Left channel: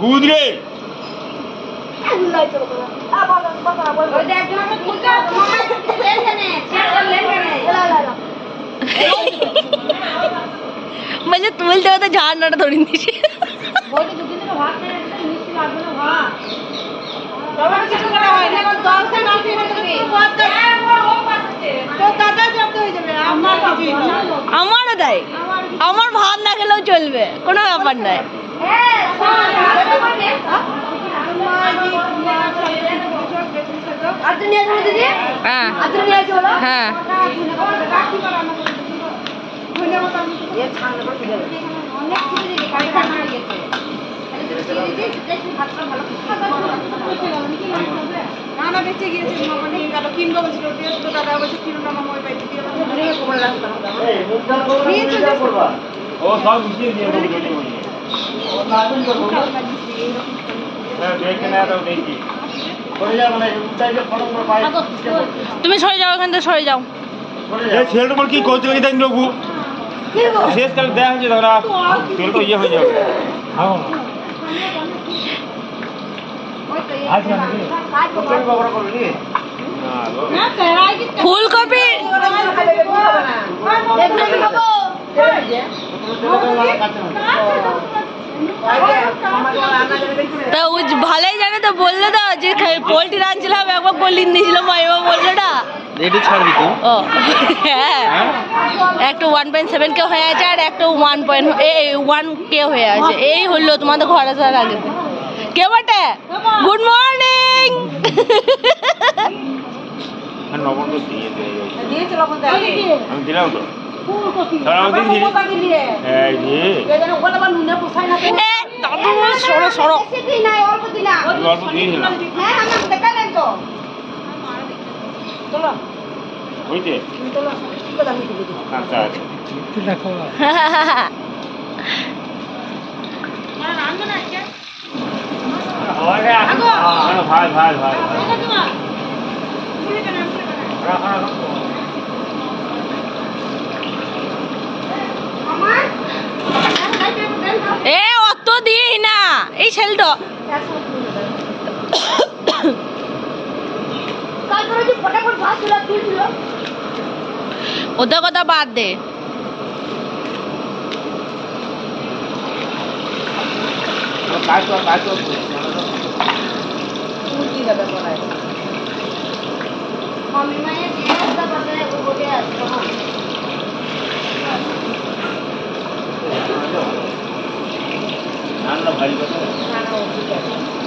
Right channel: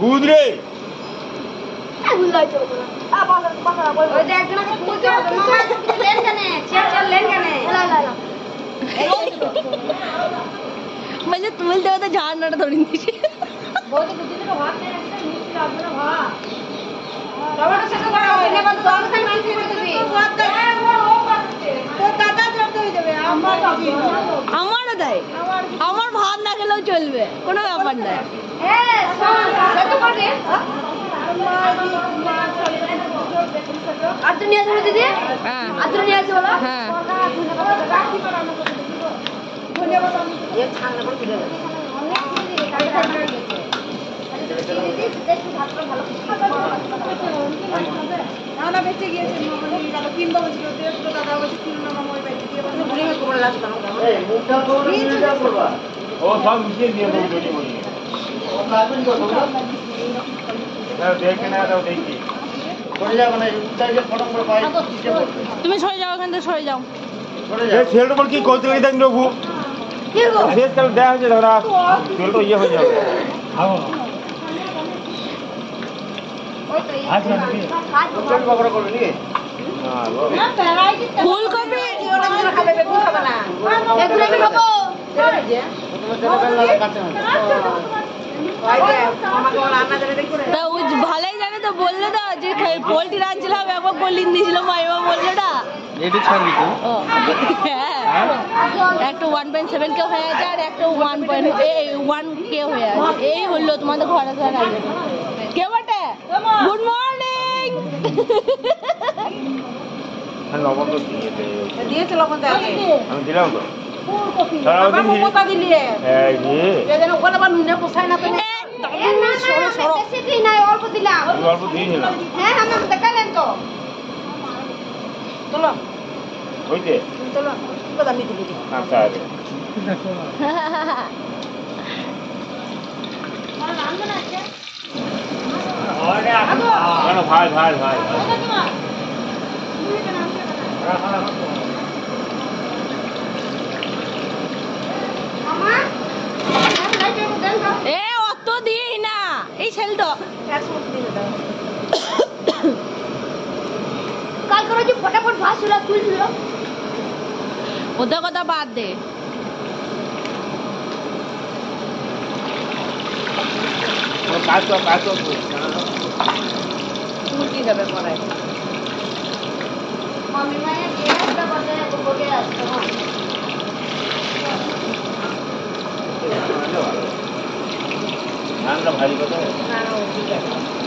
ভূত রে म्हणजे तुलते होते झाड नट थोडी दिशी আমারও তাই আমার ভাত না খেলেও চলবে কোনো ব্যাপার নয় হ্যাঁ হ্যাঁ ও সব মিশিয়ে দিয়ে দেখি তুমি সরে যাও এখান থেকে সরে যাও সেল पर কি কইতে গই দেন লোগু শেষ কাল দেয়া হচ্ছে ধরা সেল তো ইয়ে হয়ে যাবে আজ না নাকি কোন খবর করলি ফুলকপি তা ও ভালোই জানে তো বললে তো যে পোল্ট্রি রাঁধছিলাম একবার বলিয়ে দিয়েছিল মাইমা বললো না রেডি ছাড়বি তুই ও হ্যাঁ একটা 1.7 কে হয়ে আছে আর একটা 1 কে হয়ে আছে এই হলো তোমাদের ঘরে আসার আগে কে বটে গুড মর্নিং লবণ তো দিয়েছে লবণ তো আমি দিলাম তো সরো অল্প দিয়েছিলাম হইতে আচ্ছা ভাই ভাই ভাই এ অত দিই না এই ছেলেটা কাল করে যে ফটাফট ভাত চুলা তুলছিল ওদের কথা বাদ দে মুরগি যাবে পড়ায় মম্মি মায়ের গ্যাসটা বদলে বলে আসতো ভাই না না ও ঠিক আছে